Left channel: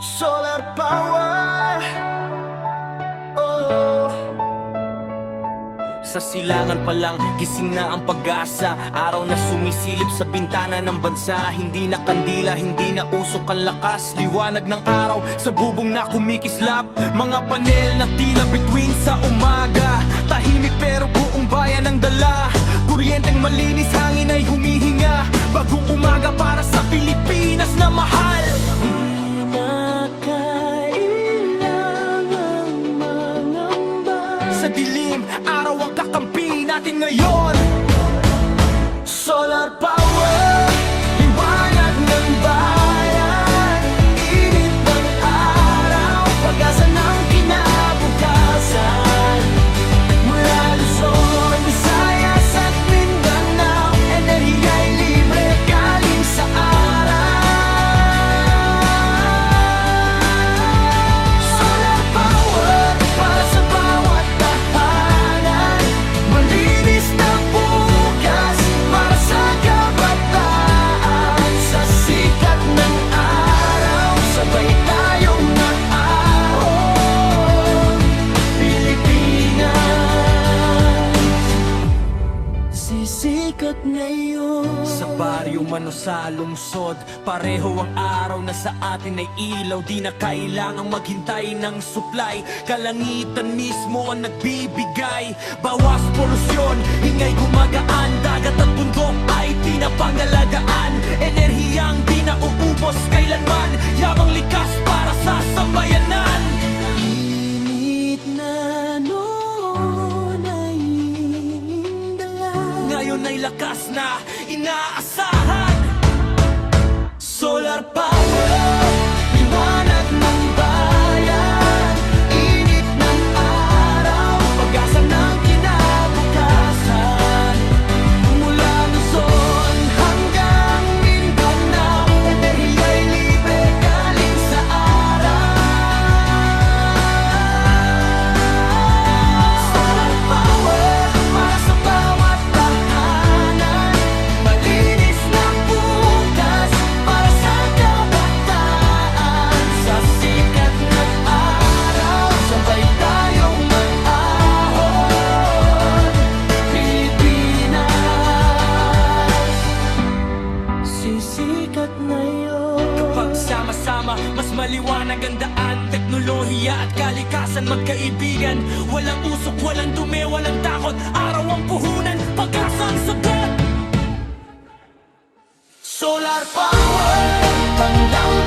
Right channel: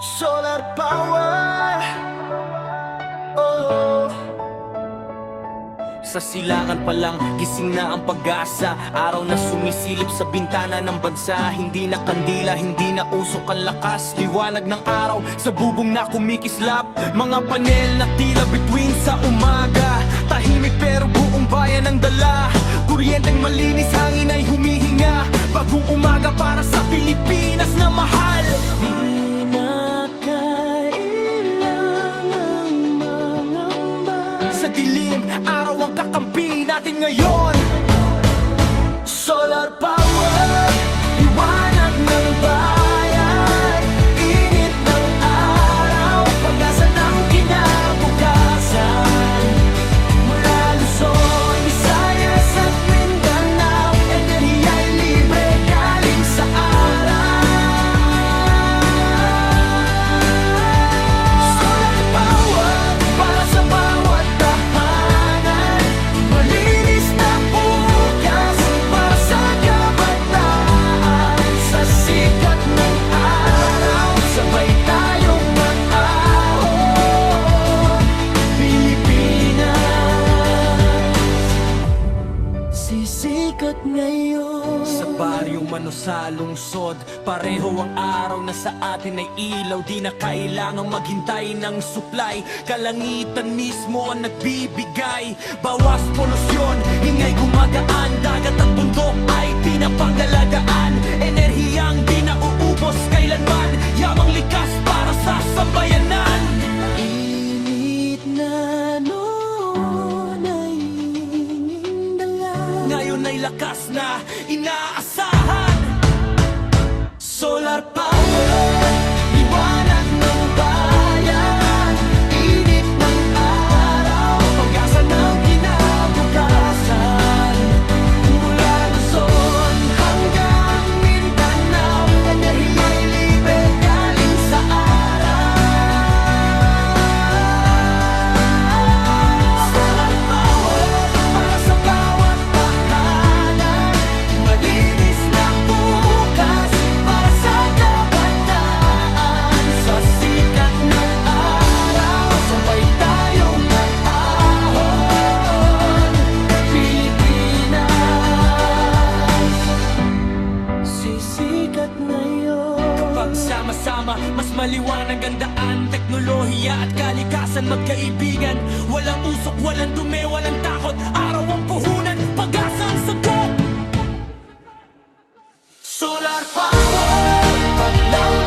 Solar power. Oh. Sa silangan pa lang, gising na ang pag-asa. Araw na sumisilip sa bintana ng bansa. Hindi na kandila, hindi na usok ang lakas. Liwanag ng araw sa bubong na kumikislap. Mga panel na tila bituin sa umaga. Tahimik pero buong bayan ang dala. Kuryenteng malinis, hangin ay humihinga. Bagong umaga para sa Pilipinas na mahal. Di na kailangang mangamba. Sa dilim, araw ang kakampi natin ngayon. Solar power, liwanag ng bayan. Init ng araw, pag-asa ng kinabukasan. Mula Luzon, Visayas at Mindanao, enerhiya'y libre galing sa araw. Solar power para sa bawat tahanan. Malinis na bukas para sa kabataan. Sa sikat ng araw, sabay tayong maahon. Pilipinas, sisikat ngayon. Sa baryo man o sa lungsod, pareho ang araw na sa atin ay ilaw. Di na kailangang maghintay ng supply, kalangitan mismo ang nagbibigay. Bawas polusyon, ingay gumagaan. Dagat at bundok ay pinapangalagaan. Enerhiyang di na uubos kailanman. Yamang likas para sa sambayanan. Init na noon ay hinging dala. Ngayon ay lakas na inaasahan. Solar power, liwanag ng bayan. Init ng araw, pag-asa ng kinabukasan. Mula Luzon hanggang Mindanao, enerhiya'y libre galing sa araw. Solar power para sa bawat tahanan. Malinis na bukas para sa kabataan. Sa sikat ng araw, sabay tayong maahon. Pilipinas, sisikat ngayon. Kapag sama-sama, mas maliwanag ang daan. Teknolohiya at kalikasan magkaibigan. Walang usok, walang dumi, walang takot. Araw ang puhunan, pag-asa ang sagot. Solar power, tanglaw